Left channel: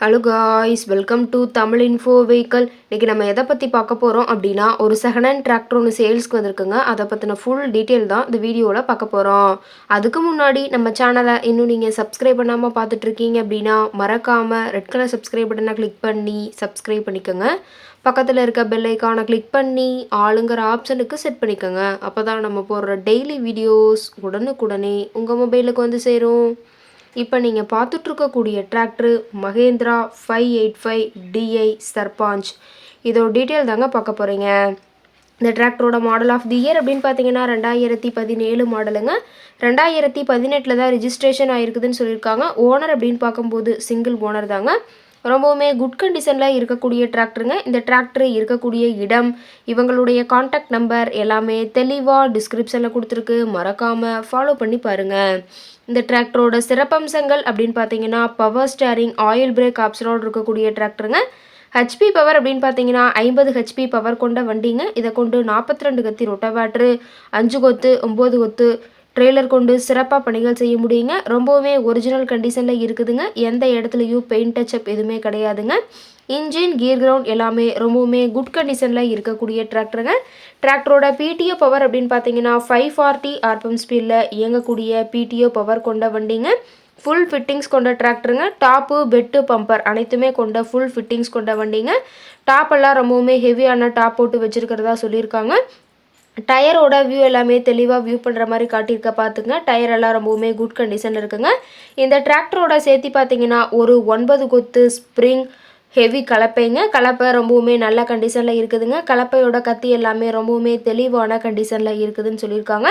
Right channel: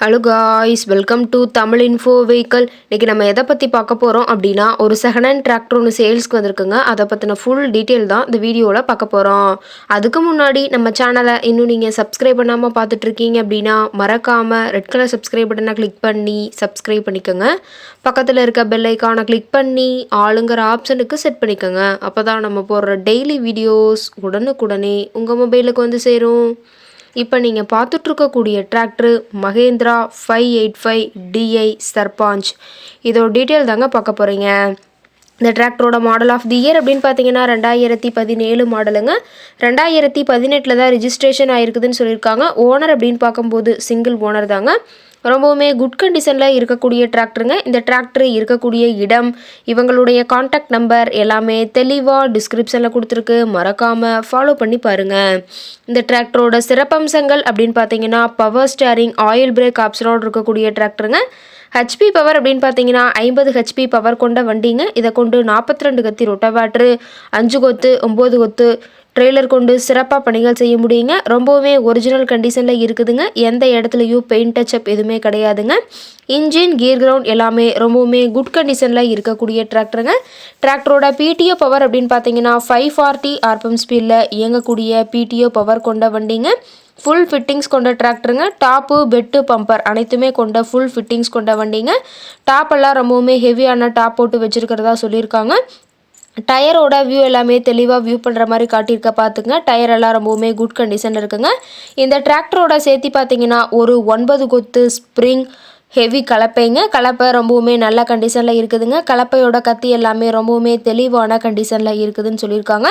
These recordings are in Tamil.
Hello guys, welcome to Tamil info vehicle. இன்றைக்கி நம்ம எதை பற்றி பார்க்க போகிறோம் அப்படின்னா, ஒரு செகண்ட் ஹேண்ட் டிராக்டர் ஒன்று சேல்ஸ்க்கு வந்திருக்குங்க. அதை பற்றின ஃபுல் டீட்டெயில் தான் இந்த வீடியோவில் பார்க்க போகிறோம். அதுக்கு முன்னாடி நம்ம சேனலை இன்னும் நீங்கள் சப்ஸ்கிரைப் பண்ணாமல் பார்த்துட்ருக்கீங்க அப்படின்னா, மறக்காமல் ரெட் கலர் சப்ஸ்கிரைப் பட்டனை கிளிக் பண்ணி சப்ஸ்கிரைப் பண்ணிக்கோங்க. பக்கத்தில் இருக்க பெல் ஐக்கானை கிளிக் பண்ணி ஆளுங்கிற ஆப்ஷனுக்கு செட் பண்ணிக்கோங்க. அப்போ தான் நம்ம போடுற டெய்லி வீடியோஸ் உடனுக்குடனே உங்கள் மொபைலுக்கு வந்து சேரும். இப்போ நீங்கள் பார்த்துட்ருக்கக்கூடிய டிராக்டரு மகேந்திரா 585 DI சர்பாஞ்ச். இதோட டீட்டெயில் தாங்க பார்க்க போகிறீங்க. இந்த டிராக்டரோட மாடல் ஆஃப் தி இயர் அப்படின்னு பார்த்தீங்கன்னா 2017 மாடலுங்க. 2018 தான் ரிஜிஸ்ட்ரேஷன் ஆகிருக்குதுன்னு சொல்லியிருக்காங்க. ஓனர் அப்படின்னு பார்க்கும்போது சிங்கிள் ஓனர் தாங்க. ரொம்பவுமே குட் கண்டிஷனில் இருக்கக்கூடிய டிராக்டருங்க. இந்த டிராக்டர் இருக்கக்கூடிய இடம், இவங்களுடைய காண்டாக்ட் நம்பர் எல்லாமே தெளிவாக டிஸ்கிரிப்ஷனில் கொடுத்துருக்கு. மறக்காமல் ஃபாலோ பண்ணி பாருங்கள். இந்த டிராக்டரோட சிறப்பம்சங்கள் அப்படின்னு பார்த்தீங்கன்னா, பவர் ஸ்டேரிங், ஆயில் பிரேக் ஆப்ஷனோடு இருக்கக்கூடிய டிராக்டருங்க. ஹெச்பி பவர் அப்படின்னு பார்த்தீங்கன்னா 50 ஹெச்பி பவர் கொண்ட வண்டிங்க. இதை கொண்டு 42 கத்தி ரொட்டவேட்ரு, 5 கொத்து, 9 கொத்து ட்ரெய்லர் கொண்டு சிறப்பாக பணிகள் செய்ய முடியுங்க. ரொம்பவுமே ஒரிஜினல் கண்டிஷனில் இருக்குதுங்க. எந்த இடத்துலையும் பெயிண்ட் டச்சப் எதுவுமே கிடையாதுங்க. இன்ஜின், கியர் கிரவுண்ட் எல்லாமே ரொம்பவுமே குட் கண்டிஷனில் இருக்கக்கூடிய டிராக்டருங்க. டிராக்டரோட பிடிஓ பவர் அப்படின்னு பார்த்தீங்கன்னா 540 RPM ஸ்பீடில் இயங்கக்கூடிய பிடிஓ பவர் கொண்ட வண்டிங்க. ஃபுல் ஃபிட்டிங்ஸ் கொண்ட டிராக்டருங்க. டாப்பு, பெட்டு, பம்பர் அனைத்துமே கொண்ட ஃபுல் ஃபிட்டிங்ஸ் கொண்ட வண்டிங்க. டாப்பெல்லாம் ரொம்பவுமே ஹெவியான டாப் போட்டு வச்சுருக்கிறதா சொல்லியிருக்காங்க. டயரோட வியூ எல்லாமே தெளிவாக வியூ பண்ணுற மாதிரி காட்டியிருக்க பார்த்துங்க. டயர் எல்லாம் ரொம்பவுமே குட் கண்டிஷன் இருக்குங்க. இந்த டிராக்டரோட சேர்த்து பார்த்தீங்கன்னா ஒரு 9 கொத்து ஸ்ப்ரிங் ஹெவி கலப்பைங்க. கலப்பை ரொம்பவுமே நல்ல கண்டிஷனில் இருக்குதுங்க. கலப்பையோட கத்தி எல்லாமே ரொம்பவுமே தெளிவான கண்டிஷனில் இருக்குதுன்னு சொல்லியிருக்காங்க.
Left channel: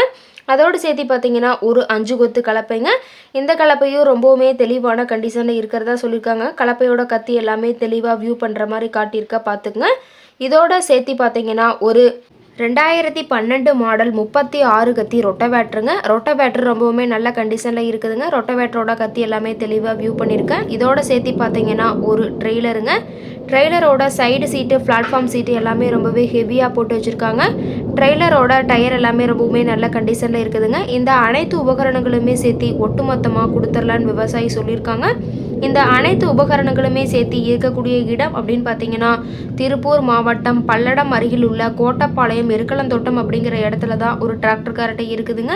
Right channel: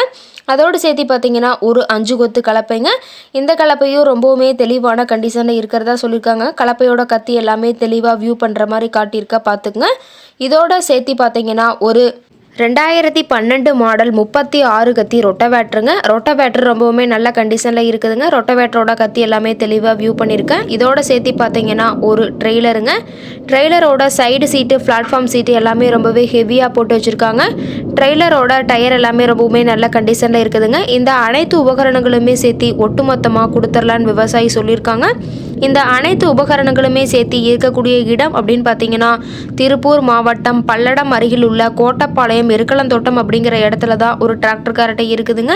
அதோடு சேர்த்து பார்த்தீங்கன்னா ஒரு 5 கொத்து கலப்பைங்க. இந்த கலப்பையும் ரொம்பவுமே தெளிவான கண்டிஷனில் இருக்கிறதா சொல்லியிருக்காங்க. கலப்பையோட கத்தி எல்லாமே தெளிவாக வியூ பண்ணுற மாதிரி காட்டியிருக்க பார்த்துங்க. இதோட சேர்த்து பார்த்தீங்கன்னா ஒரு 2012 மாடல் 36 கத்தி ரொட்டவேட்ருங்க. ரொட்டவேட்ரு ரொம்பவுமே நல்ல கண்டிஷனில் இருக்குதுங்க. ரொட்டவேட்டரோட கத்தி எல்லாமே தெளிவாக வியூ பண்ணியிருக்கேன். இதோட சேர்த்து பார்த்தீங்கன்னா ஒரு ட்ரெய்லருங்க. ட்ரெய்லரோட சைடு சீட்டு, பிளாட்ஃபார்ம் சீட்டு எல்லாமே ரொம்பவே ஹெவியாக போட்டு வச்சுருக்காங்க. ட்ரெய்லரோட டயர் எல்லாமே ரொம்பவுமே நல்ல கண்டிஷனில் இருக்குதுங்க. இந்த அனைத்து உபகரணங்களுமே சேர்த்து ஒட்டுமொத்தமாக கொடுத்துர்லான்னு விவசாயி சொல்லியிருக்காங்க. இந்த அனைத்து உபகரணங்களுமே சேர்த்து இருக்கக்கூடிய இடம் அப்படின்னு பார்த்தீங்கன்னா, திருப்பூர் மாவட்டம் பல்லடம் அருகில் உள்ள கோட்டப்பாளையம் எருக்கலந்தோட்டம் அப்படிங்கிற இடத்துல தான் ஒரு டிராக்டர் கரெக்டாக இருக்குதுங்க.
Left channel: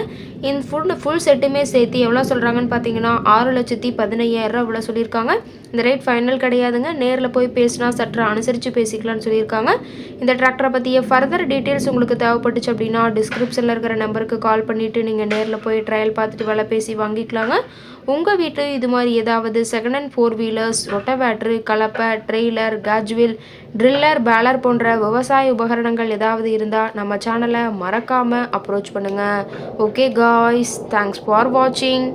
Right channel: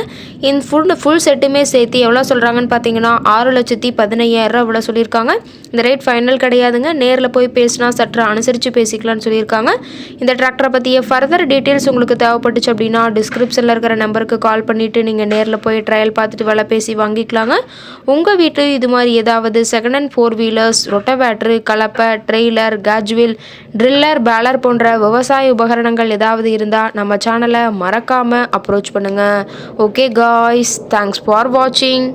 இந்த ஃபுல் செட்டுமே சேர்த்து எவ்வளோ சொல்கிறாங்கன்னு பார்த்தீங்கன்னா 6,15,000 இவ்வளோ சொல்லியிருக்காங்க. இந்த ரேட் ஃபைனல் கிடையாதுங்க. நேரில் போய் பேசினா சற்று அனுசரித்து பேசிக்கலாம்னு சொல்லியிருக்காங்க. இந்த டிராக்டரை பற்றிய ஃபர்தர் டீட்டெயில்ஸ் உங்களுக்கு தேவைப்பட்டுச்சு அப்படின்னா டிஸ்கிரிப்ஷனில் இருக்கிற நம்பருக்கு கால் பண்ணிவிட்டு நீங்கள் நேரில் போய் ட்ரையல் பார்த்துட்டு விலை பேசி வாங்கிக்கலாங்க. உங்கள் வீட்டு இது மாதிரி ஏதாவது செகண்ட் ஹேண்ட் 4 வீலர்ஸ், ரொட்டவேட்ரு, கலப்பை, ட்ரெய்லர், கேஜ்வில், ட்ரில்லர், பேலர் போன்ற விவசாய உபகரணங்கள் ஏதாவது இருந்தால் நம்ம சேனலை மறக்காமல் அப்ரோச் பண்ணுங்கள். ஓகே காய்ஸ், தேங்க்ஸ் ஃபார் வாட்சிங்.